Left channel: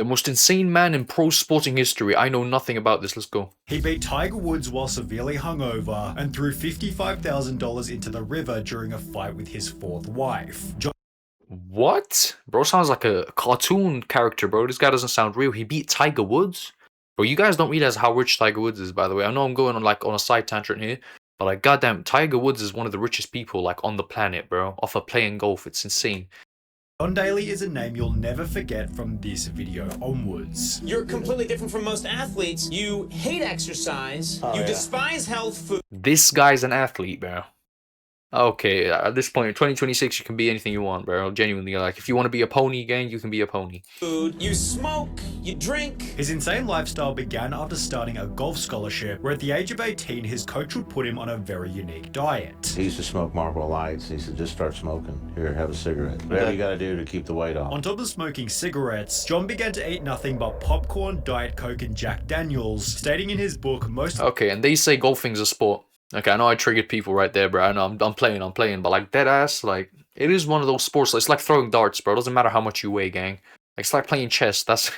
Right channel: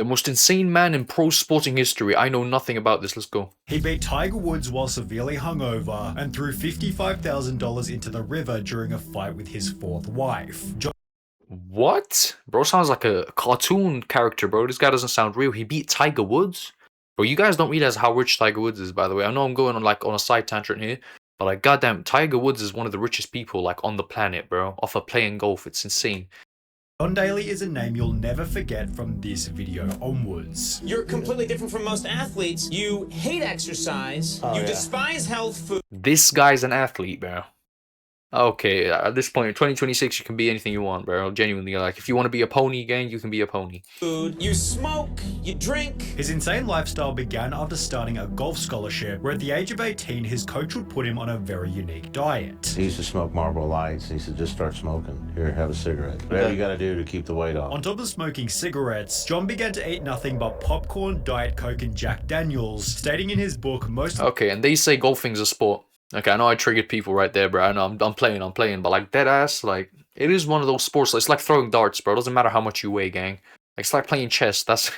The most insane man in pro sporting history. I know nothing about this. Let's go. He beat Tiger Woods while severely hungover and threw $55,000 into the river during a fight with his fourth wife. What? Bro sounds like a cartoon character, bro. This guy doesn't sound real. He beat Tiger Woods? Bro, you guys don't realize how rich Tiger Woods is, by the way. I know I'm going on a side tangent here, but like goddamn, Tiger Woods is one of the richest people like on the planet, bro. Off of playing golf. It's insane. John Daly is a name you'll never forget from this video onwards. You're completely different from most athletes. You hate exercise. You despise health food. This guy's an athlete, bro. Okay, at this point in 2026, you can be anything you want, bro. Genuinely, like, if you want to be a pony, gang, you can be a pony. You smoke, you drink. His insane lifestyle began after starting a golf scholarship, where at the age of 18, his coach would put him on a very unique diet. He used to smoke Marlboro Lights. He said, just start smoking. Here, have a cigarette. Whatever you gotta do to keep the weight off. On top of smoking cigarettes, John began to eat nothing but popcorn, Diet Coke, and Jack Daniels, stating in his book most... Okay, and they say golfing's a sport. Okay, I know I triggered people right there, bro. I know I'm playing, but like dead ass, like it is one of those sports. It's like throwing darts, bro. It doesn't matter how much you weigh, gang. Like, it's like playing chess. That's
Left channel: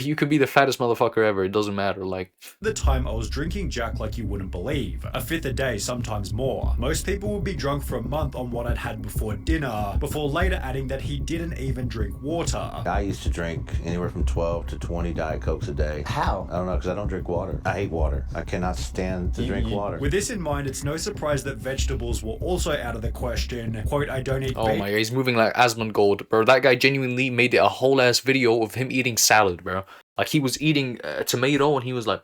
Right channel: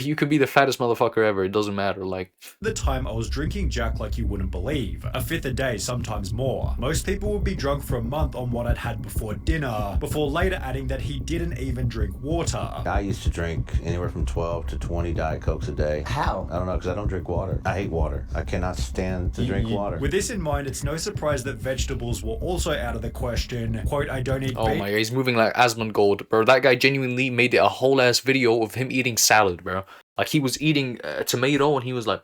you could be the fattest motherfucker ever. It doesn't matter. Like the time I was drinking Jack like you wouldn't believe. A fifth a day, sometimes more. Most people would be drunk for a month on what I'd had before dinner, before later adding that he didn't even drink water. I used to drink anywhere from 12 to 20 Diet Cokes a day. How? I don't know, because I don't drink water. I hate water. I cannot stand to drink water. With this in mind, it's no surprise that vegetables were also out of the question. Quote, I don't eat oh my god, he's moving like Asmongold, bro. That guy genuinely made it a whole ass video of him eating salad, bro. Like, he was eating a tomato and he was like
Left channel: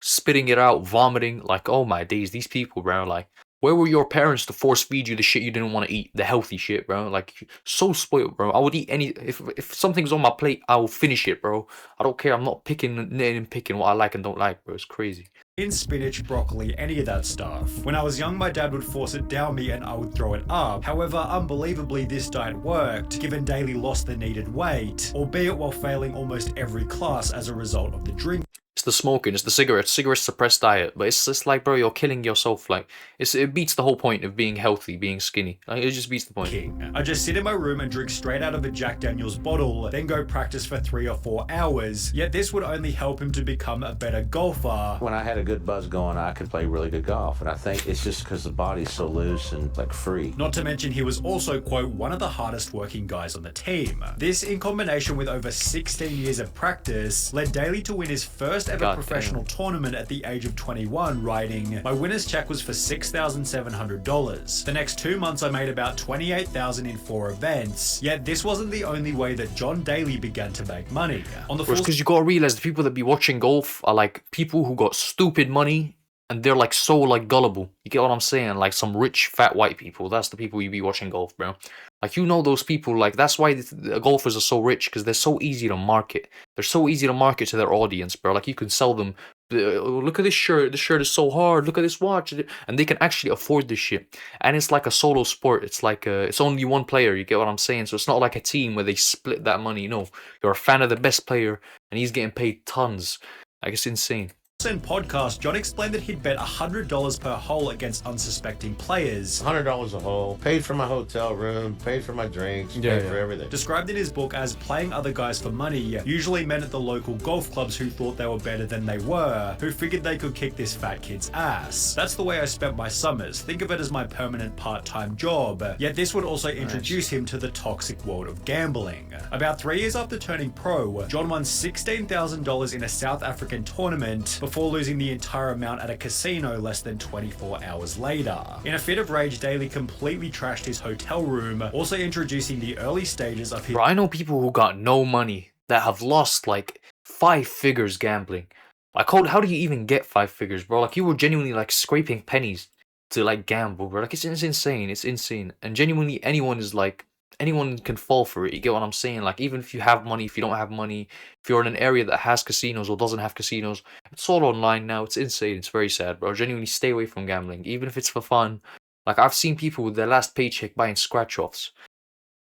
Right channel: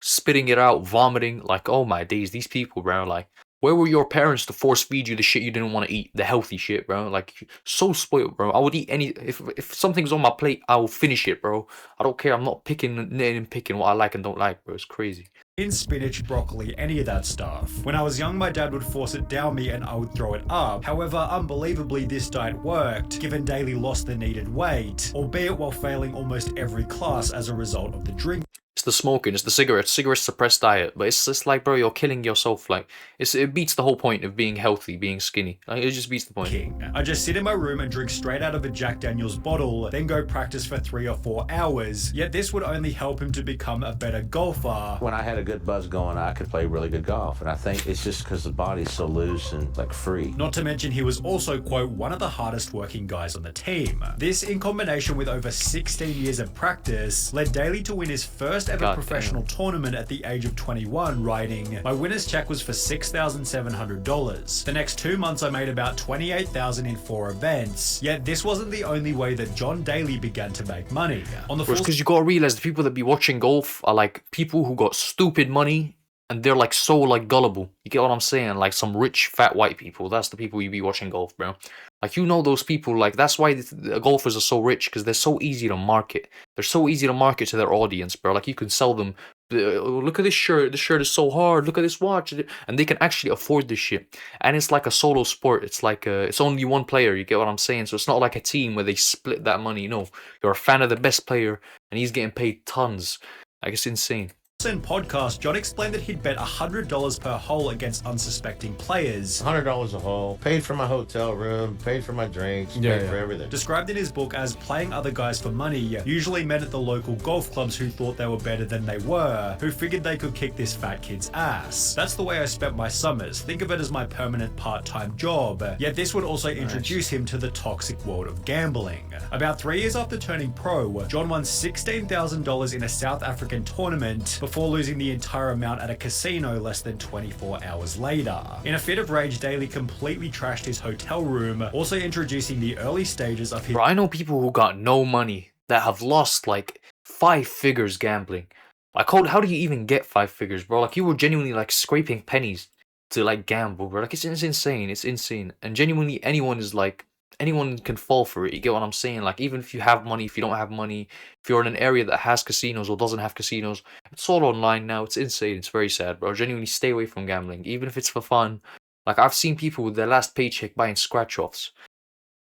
spitting it out, vomiting. Like, oh my days, these people, bro. Like, where were your parents to force feed you the shit you didn't want to eat, the healthy shit, bro? Like, so spoiled, bro. I would eat any if something's on my plate, I will finish it, bro. I don't care. I'm not picking what I like and don't like, bro. It's crazy. In spinach, broccoli, any of that stuff. When I was young, my dad would force it down me and I would throw it up. However, unbelievably, this diet worked, given Daly lost the needed weight, albeit while failing almost every class as a result of the drink. It's the smoking, it's the cigarettes suppressed diet, but it's just like, bro, you're killing yourself. Like, it beats the whole point of being healthy, being skinny. Like, it just beats the point. I just sit in my room and drink straight out of a Jack Daniels bottle, then go practice for 3 or 4 hours. Yet this would only help him to become a better golfer. When I had a good buzz going, I could play really good golf, and I think it's just because the body's so loose and like free. Not to mention he was also, quote, one of the hardest working guys on the team. This, in combination with over 16 years of practice, led Daly to win his first ever professional tournament at the age of 21, writing, my winner's check was for $6,700. The next 2 months I made about $28,000 in 4 events. Yet this wasn't the only way that John Daly began to make money. On the because you gotta realize the people that be watching golf are like people who got stupid money and they're like so like gullible. You get what I'm saying? Like some rich fat white people. That's the people you be watching golf, bro. Like, you know those people. Like, that's why the golfers are so rich, because they're so easy to market. They're so easy to market to their audience, bro. Like, you can sell them, look at this shirt. This shirt is so hard. Look at this watch. And they can actually afford this shit. And it's like a solo sport. It's like it's only one player. You get what I'm saying? So it's not like a team where they split that money. No, you're a fan of the best player, and he's getting paid tons. Like, it's insane. Podcast, John explained that he'd bet $100 per hole against unsuspecting players. $100 a hole, paid for my hotel room, paid for my drinks, paid for everything. Described in his book as playing other guys for money, usually men at the local golf clubs who thought they were better than they were, who figured they could kick this fat kid's ass. That's the way I spent my summers. Think of it as my permanent part-time job. Yet this would also introduce him to the toxic world of gambling. About 3 years after turning pro, John won $16,000 in a South African tournament before losing the entire amount at a casino less than 24 hours later. In a fit of rage, Daly completely trashed his hotel room, also introducing the early stages of his— Bro, I know people who got no money that have lost like 5 figures gambling. Like, how do you even get 5 figures, bro? Like, you were genuinely like scraping pennies to like gamble, bro. Like, it's insane. It's insane. And genuinely, anyone can fall for it. You get what I'm saying? Like, even if you have money, if you don't have money, if you're in an area that has casinos or doesn't have casinos, it's all online now. It's insane. It's very sad, bro. Genuinely stay away from gambling, even if it's for fun. Like, I've seen people with their last paycheck buying scratch-offs.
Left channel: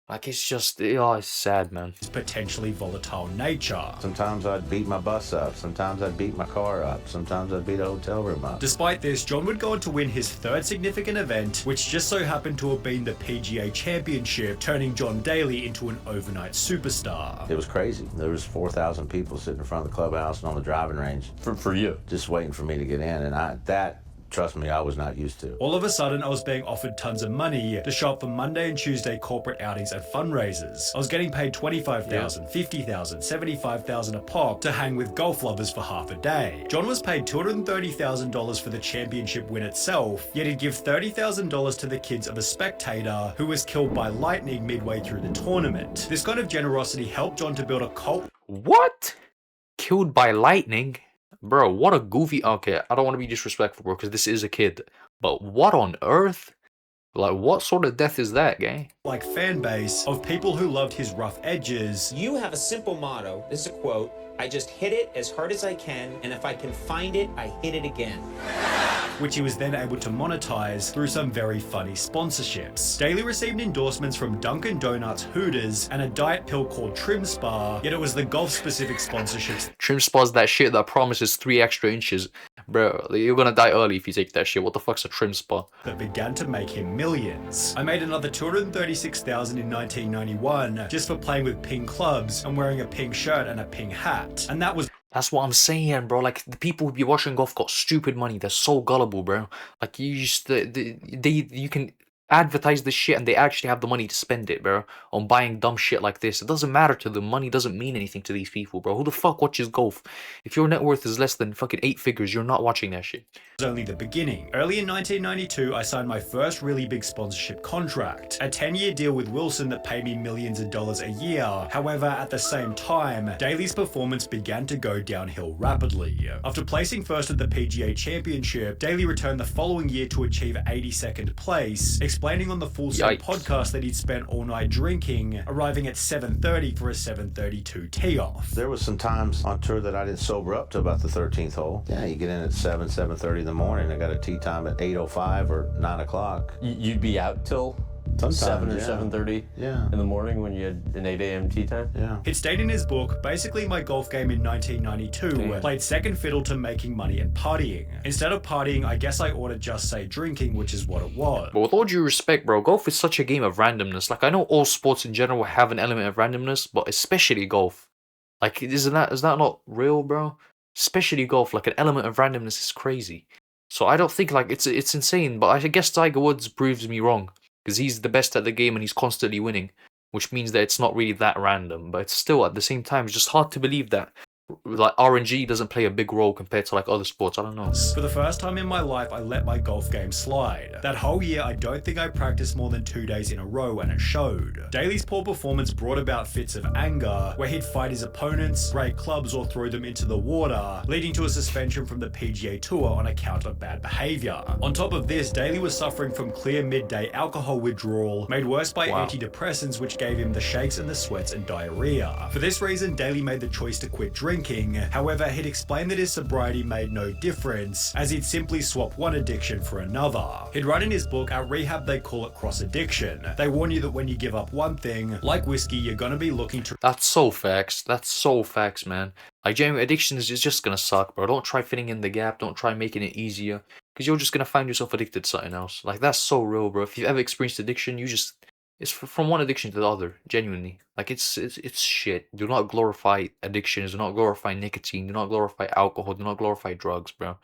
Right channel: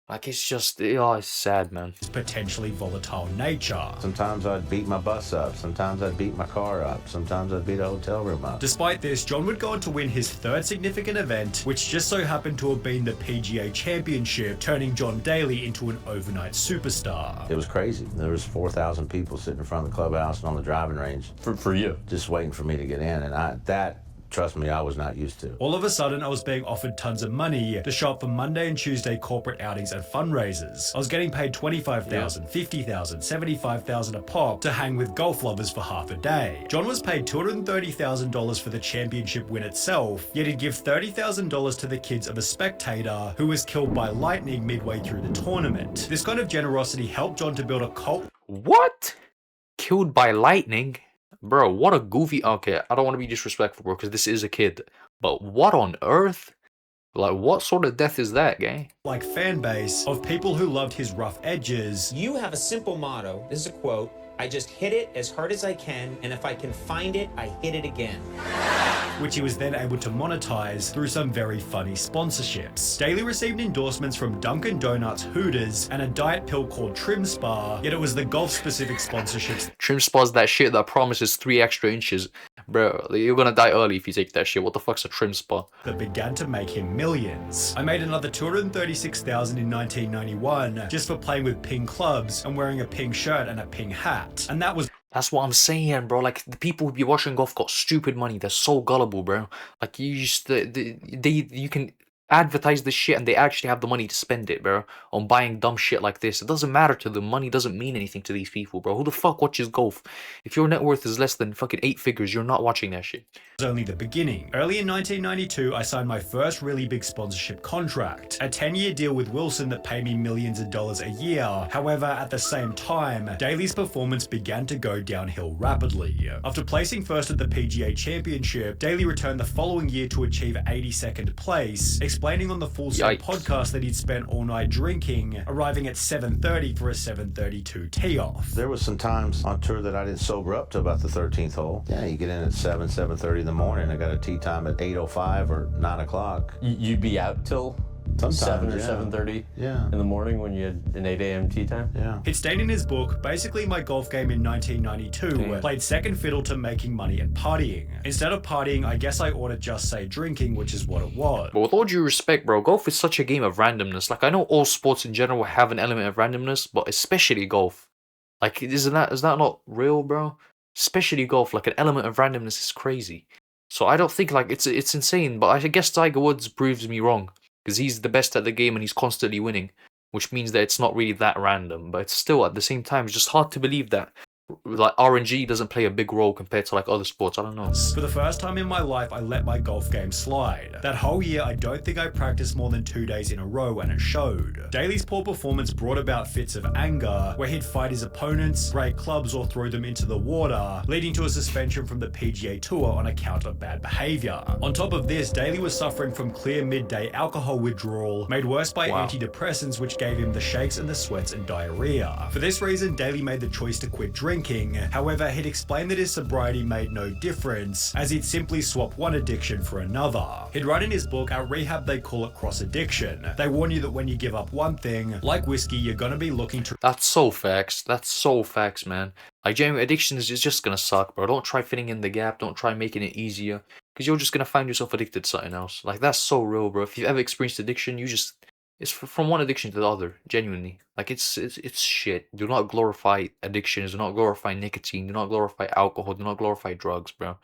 Like, it's just, oh, it's sad, man. potentially volatile nature. Sometimes I'd beat my bus up. Sometimes I'd beat my car up. Sometimes I'd beat a hotel room up. Despite this, John would go on to win his third significant event, which just so happened to have been the PGA Championship, turning John Daly into an overnight superstar. It was crazy. There was 4,000 people sitting in front of the clubhouse and on the driving range. For you. Just waiting for me to get in. And trust me, I was not used to. All of a sudden, I was being offered tons of money to show up for Monday and Tuesday corporate outings and fundraisers. I was getting paid $25,000, $50,000, $75,000 a pop to hang with golf lovers for half a day. John was paid $230,000 for the championship win itself, yet he'd give $30,000 to the kids of a spectator who was killed by lightning midway through the tournament. This kind of generosity helped John to build a cult. What? Killed by lightning? Bro, what a goofy... Okay, I don't want to be disrespectful, bro, because this is a kid. But what on earth? Like, what sort of death is that, gang? Like fan base of people who loved his rough edges. You have a simple motto. This is a quote. I just hit it as hard as I can, and if I can find it, I hit it again. Which he was then able to monetize through some very funny sponsorships. Daly received endorsements from Dunkin' Donuts, Hooters, and a diet pill called Trim Spa, yet it was the golf-specific sponsorships. Trim Spa's that shit that promises 3 extra inches. Bro, you're gonna die early if you take that shit. What the fuck's a Trim Spa? That began to make him millions. I made another $236,000 in 1991 just for playing with pink clubs and wearing a pink shirt and a pink hat. And that was... That's what I'm saying, bro. Like, the people who be watching golf got stupid money. They're so gullible, bro. Like, you just... you can advertise this shit and they actually have the money to spend it, bro, on buying dumb shit like this. It doesn't matter to them. Money doesn't mean anything to these people, bro. Who the fuck watches golf? If your net worth is less than fucking 8 figures, you're not watching that shit. Was only the beginning. Early in 1992, I signed my first really big sponsorship contract, a 10-year deal with Wilson that paid me millions of dollars a year. However, at the same time, Daly's performance began to go downhill rapidly. After placing first at the PGA Championship, Daly returned the following year to achieve 82nd place, explaining on the Full Set podcast that he'd spent all night drinking, arriving at 7:30 for a 7:32 tee-off. There was some times on tour that I didn't sober up till about the 13th hole. Yeah, you get in at 7:30 in the morning. I got a tee time at 8:05 or 9 o'clock. You'd be out till Sometimes, 7 or 7:30 in the morning when you had an 8 a.m. tee time? Yeah. It stated in his book, basically my golf game in 1992 played second fiddle to making money and partying. Instead of partying, I guess I ought to just say drinking, which is what it was. But with all due respect, bro, golf is such a game of randomness. Like, I know all sports in general have an element of randomness, but especially golf. Like, is that not real, bro? Especially golf, like, an element of randomness is crazy. So I don't think, like, it's insane, but I guess Tiger Woods proves me wrong. Because he's the best at the game and he's constantly winning, which means that it's not really that random. But it's still, at the same time, it's just hard to believe that like RNG doesn't play a big role compared to like other sports. I don't know. For the first time in my life, I let my golf game slide. That whole year, I don't think I practiced more than 2 days in a row, and it showed. Daly's poor performance brought about fits of anger, where he'd fight his opponents, break clubs, or throw them into the water, leading to a suspension from the PGA Tour on account of bad behavior. On top of this, Daly was suffering from clear midday alcohol withdrawal, made worse by antidepressants, which gave him the shakes and the sweats and diarrhea. For this reason, Daly made the choice to quit drinking. However, he'd explained that his sobriety made no difference, as he'd simply swap one addiction for another. He'd write in his book, at rehab they call it cross addiction. They warn you that when you give up one thing, like whiskey, you're gonna be looking to... That's so facts. That's so facts, man. Like, genuine addiction is just gonna suck, bro. Don't try filling in the gap. Don't try making it easier, because you're just gonna find yourself addicted to something else. Like, that's so real, bro. If you've ever experienced addiction, it's from one addiction to the other, genuinely. Like, it's shit. Do not glorify addictions. Do not glorify nicotine. Do not glorify alcohol. Do not glorify drugs, bro.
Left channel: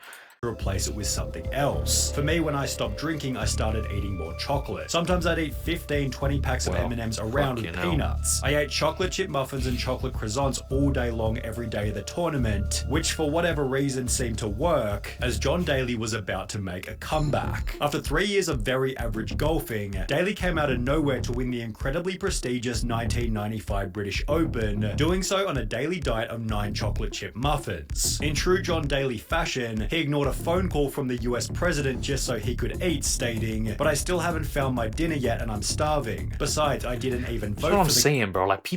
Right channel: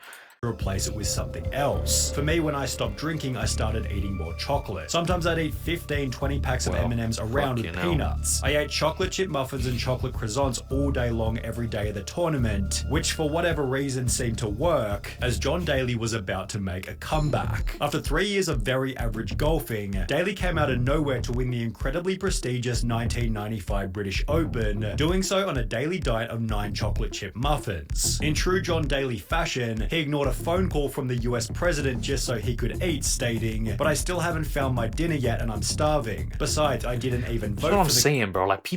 Replace it with something else. For me, when I stopped drinking, I started eating more chocolate. Sometimes I'd eat 15, 20 packs of M&Ms around with peanuts. I ate chocolate chip muffins and chocolate croissants all day long every day of the tournament, which for whatever reason seemed to work, as John Daly was about to make a comeback. After 3 years of very average golfing, Daly came out of nowhere to win the incredibly prestigious 1995 British Open, doing so on a daily diet of 9 chocolate chip muffins. In true John Daly fashion, he ignored a phone call from the US president just so he could eat, stating, "But I still haven't found my dinner yet and I'm starving. Besides, I didn't even vote." That's what I'm saying, bro. Like,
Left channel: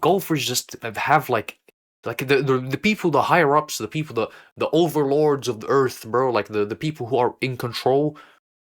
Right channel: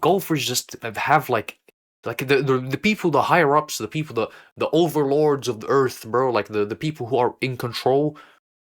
golfers just have like the people, the higher ups, the people, the overlords of the earth, bro. Like the people who are in control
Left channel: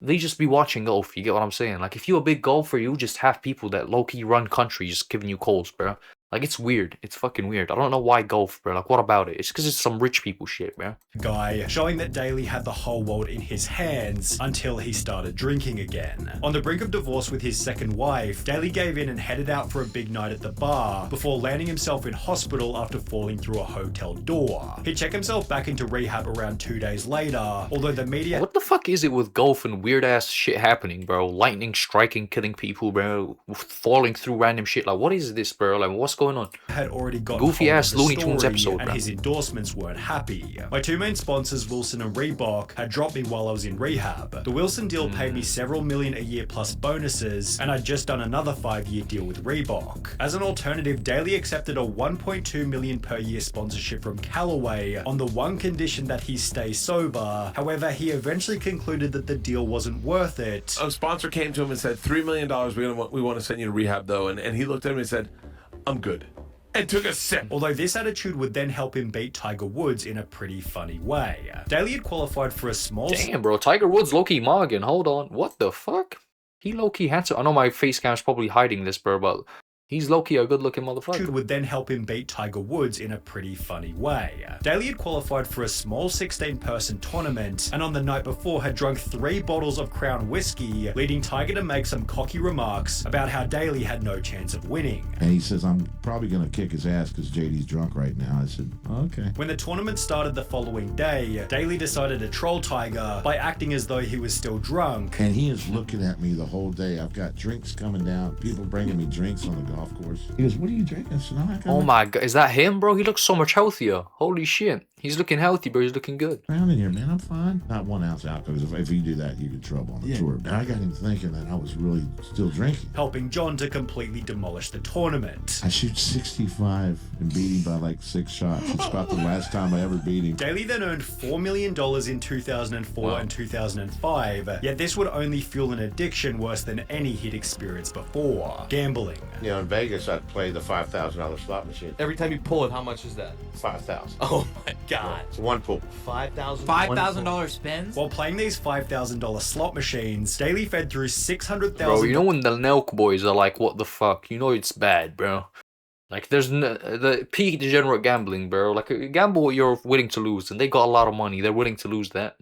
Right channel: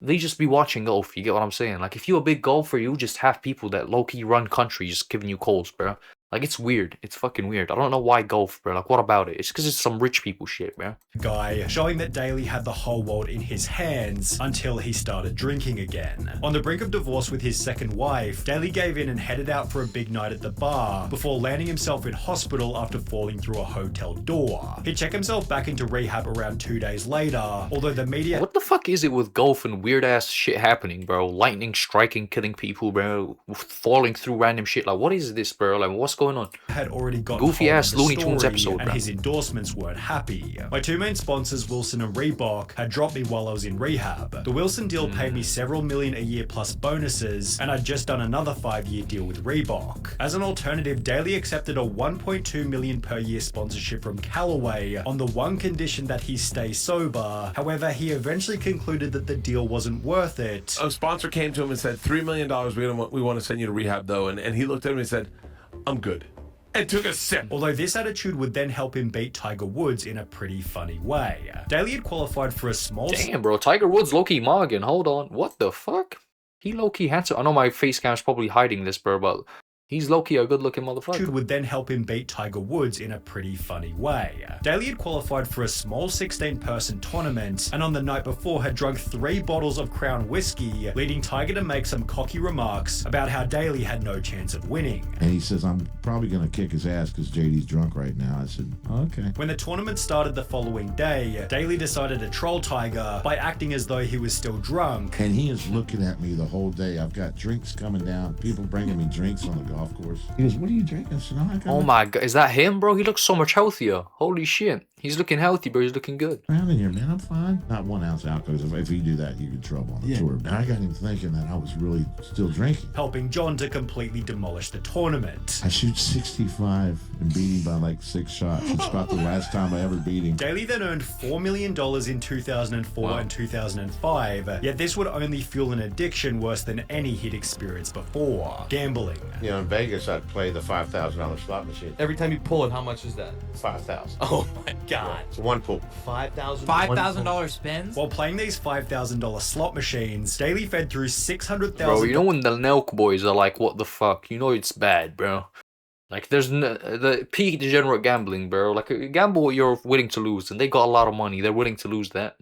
they just be watching golf. You get what I'm saying? Like, if you're a big golfer, you just have people that low-key run countries giving you calls, bro. Like, it's weird. It's fucking weird. I don't know why golf, bro. Like, what about it? It's because it's some rich people shit, bro. Guy, showing that Daly had the whole world in his hands until he started drinking again. On the brink of divorce with his second wife, Daly gave in and headed out for a big night at the bar before landing himself in hospital after falling through a hotel door. He'd check himself back into rehab around 2 days later, although the media— What the fuck is it with golf and weird-ass shit happening, bro? Lightning striking, killing people, bro. Falling through random shit. Like, what is this, bro? Like, what's going on? Had already got goofy-ass Looney Tunes episode, and bro. his endorsements weren't happy. My two main sponsors, Wilson and Reebok, had dropped me while I was in rehab. The Wilson deal paid me several million a year plus bonuses, and I'd just done another 5-year deal with Reebok. As an alternative, Daly accepted a 1.2 million per year sponsorship from Callaway on the one condition that he stay sober. However, he eventually concluded that the deal wasn't worth it. A sponsor came to him and said, $3 million, we want to send you to rehab though, and he looked at him and said, I'm good. And took a sip. Although this attitude would then help him beat Tiger Woods in a pretty funny way. Daly had qualified for a small— Damn, bro. Tiger Woods low-key Morgan. Hold on. What the fuck? He low-key handsome. I know my face cam's probably hiding this, bro, but he's low-key a good-looking motherfucker. Would then help him beat Tiger Woods in a pretty funny way. Daly had qualified for a small 16-person tournament, and on the night before had drunk 3 bottles of Crown whiskey, leading Tiger to make some cocky remarks about how Daly had no chance of winning. And he says, I'm probably going to kick his ass because JD's drunk right now. I said, okay. When the tournament started the following day, Daly decided to troll Tiger by acting as though he was still drunk. And he is looking at me the whole day. I've got drinks coming down, people bringing me drinks on the golf course. He goes, what are you drinking? I said, oh my god, is that him, bro? He looks so much healthier. Holy shit. He's looking healthy, bro. He's looking good. I'm in here, man. I'm fine. Not 1 ounce alcohol, because if you do that, you get trouble on the tour. And I got him thinking that I was really still drinking. Helping John to completely demolish the tournament. I shoot 65 and beat him by like 6 shots. It's about the last time I ever beat him. Daly then earned $4 million in 2004 and 2005, yet this would only fuel an addiction worse than any he'd experienced before. Gambling. You know, in Vegas, I'd play the $5,000 slot machine. Every time you pull it, how much is that? $5,000. Oh my god. It's one pool. $5,000 spins? While playing these $5,000 slot machines, Daly fed through $600,000. Bro, you know when the Nelk boys are like, what the fuck? You know it's bad, bro. Like, there's the peak degenerate gambling, bro. Like, gamble what you're willing to lose, and they got a lot of money. They're willing to lose that.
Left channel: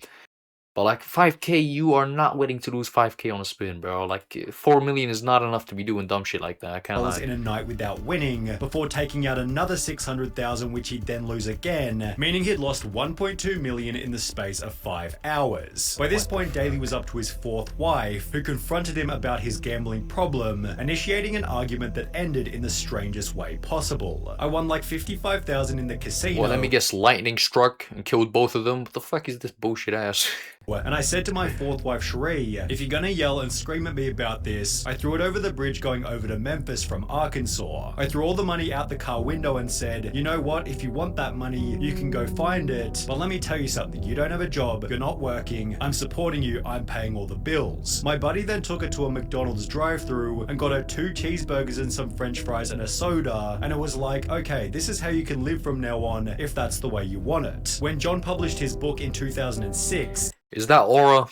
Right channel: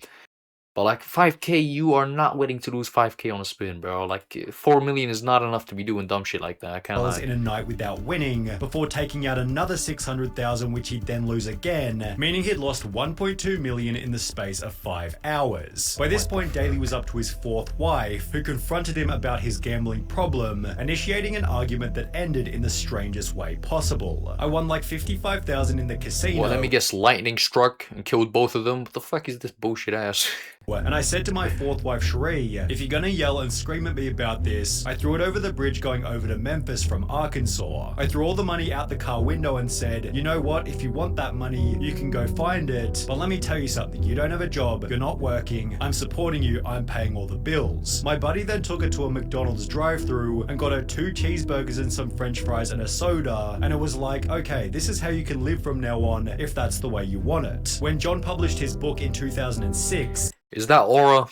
But like 5K, you are not willing to lose 5K on a spin, bro. Like 4 million is not enough to be doing dumb shit like that. I can't lie. In a night without winning, before taking out another 600,000, which he'd then lose again, meaning he'd lost 1.2 million in the space of 5 hours. By this point, Daly was up to his 4th wife, who confronted him about his gambling problem, initiating an argument that ended in the strangest way possible. I won like 55,000 in the casino. Well, let me guess, lightning struck and killed both of them. What the fuck is this bullshit ass? And I said to my 4th wife, Cherie, if you're gonna yell and scream at me about this, I threw it over the bridge going over to Memphis from Arkansas. I threw all the money out the car window and said, you know what, if you want that money, you can go find it. But let me tell you something, you don't have a job, you're not working, I'm supporting you, I'm paying all the bills. My buddy then took her to a McDonald's drive-thru and got her 2 cheeseburgers and some french fries and a soda, and it was like, okay, this is how you can live from now on if that's the way you want it. When John published his book in 2006, is that Aura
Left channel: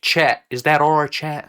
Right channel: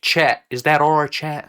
chat? Is that Aura chat?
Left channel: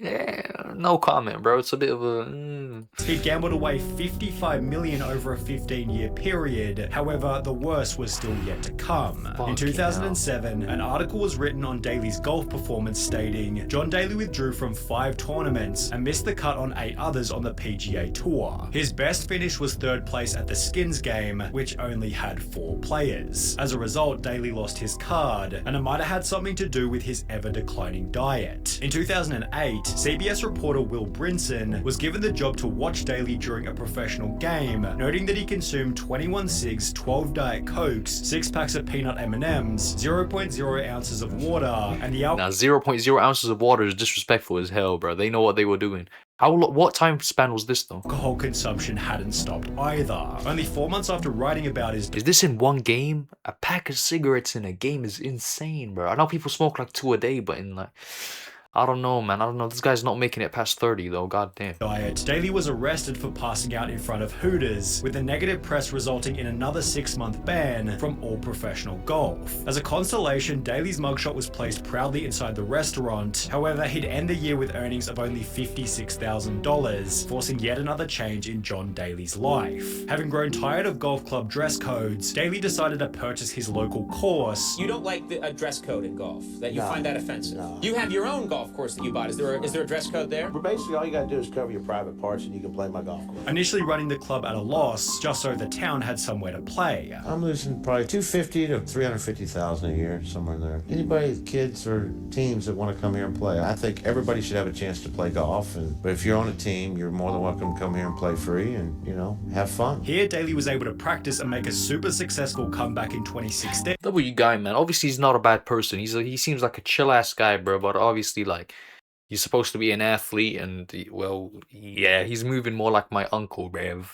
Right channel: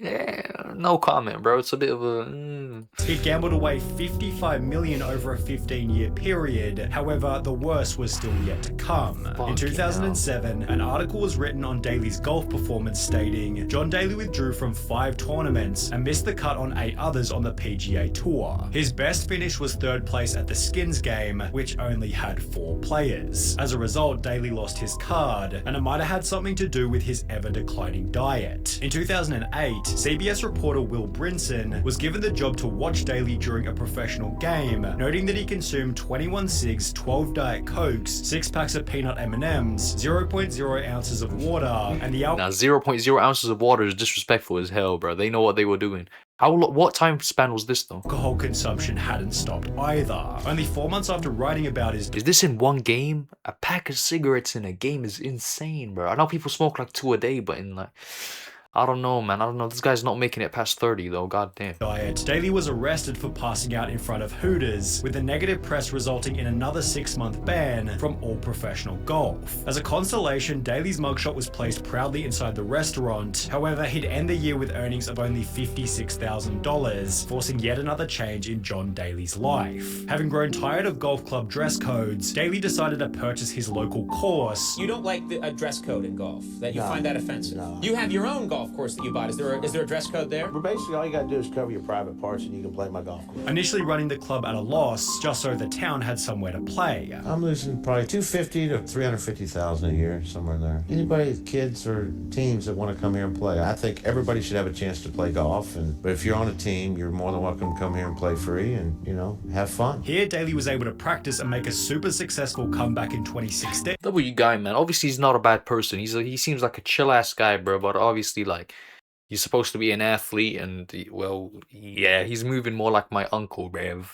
Yeah, no comment, bro. It's a bit of a... He gambled away 55 million over a 15-year period. However, the worst was still yet to come. In 2007, an article was written on Daly's golf performance stating, John Daly withdrew from 5 tournaments and missed the cut on 8 others on the PGA Tour. His best finish was 3rd place at the Skins game, which only had 4 players. As a result, Daly lost his card, and it might have had something to do with his ever-declining diet. In 2008, CBS reporter Will Brinson was given the job to watch Daly during a professional game, noting that he consumed 21 cigs, 12 Diet Cokes, 6 packs of peanut M&Ms, 0.0 ounces of water, and the Now, 0.0 ounces of water is disrespectful as hell, bro. They know what they were doing. What time span was this, though? Alcohol consumption hadn't stopped either. Only 4 months after writing about his... Is this in one game? A pack of cigarettes in a game is insane, bro. I know people smoke like 2 a day, but in like... I don't know, man. I don't know. This guy's not making it past 30, though. God damn. Diet. Daly was arrested for passing out in front of Hooters, with the negative press resulting in another 6-month ban from all professional golf. As a consolation, Daly's mugshot was placed proudly inside the restaurant. However, he'd end the year with earnings of only $56,000, forcing yet another change in John Daly's life. Having grown tired of golf club dress codes, Daly decided to purchase his local course. You don't like a dress code in golf? That you find that offensive? No. You have your own golf course that you bought. Is there a dress code there? But basically, all you gotta do is cover your private parts and you can play my golf course. Initially running the club at a loss, just so the town had somewhere to play. I'm losing probably $250,000 to $350,000 a year, somewhere there. Anybody, kids or teams that want to come here and play, I think everybody should have a chance to play golf. But if you're on a team, you're more than welcome to come here and play free and, have fun. Here, Daly was able to practice and make a super successful comeback in 2016. W guy, man. Obviously, he's not a bad person. He seems like a chill ass guy, bro. But obviously, like, he's supposed to be an athlete, and well, yeah, he's moving more like my uncle, bruv.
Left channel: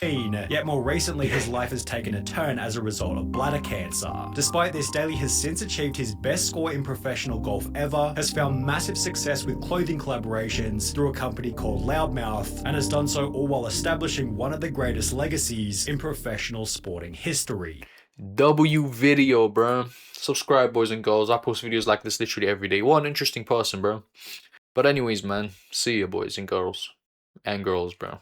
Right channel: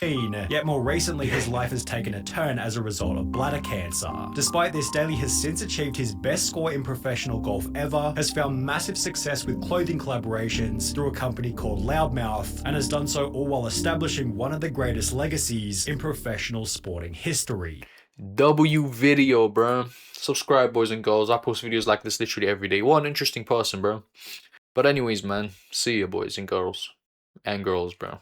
Yet more recently, his life has taken a turn as a result of bladder cancer. Despite this, Daly has since achieved his best score in professional golf ever, has found massive success with clothing collaborations through a company called Loudmouth, and has done so all while establishing one of the greatest legacies in professional sporting history. W video, bro. Subscribe, boys and girls. I post videos like this literally every day. What an interesting person, bro. But anyways, man, see ya, boys and girls. And girls, bro.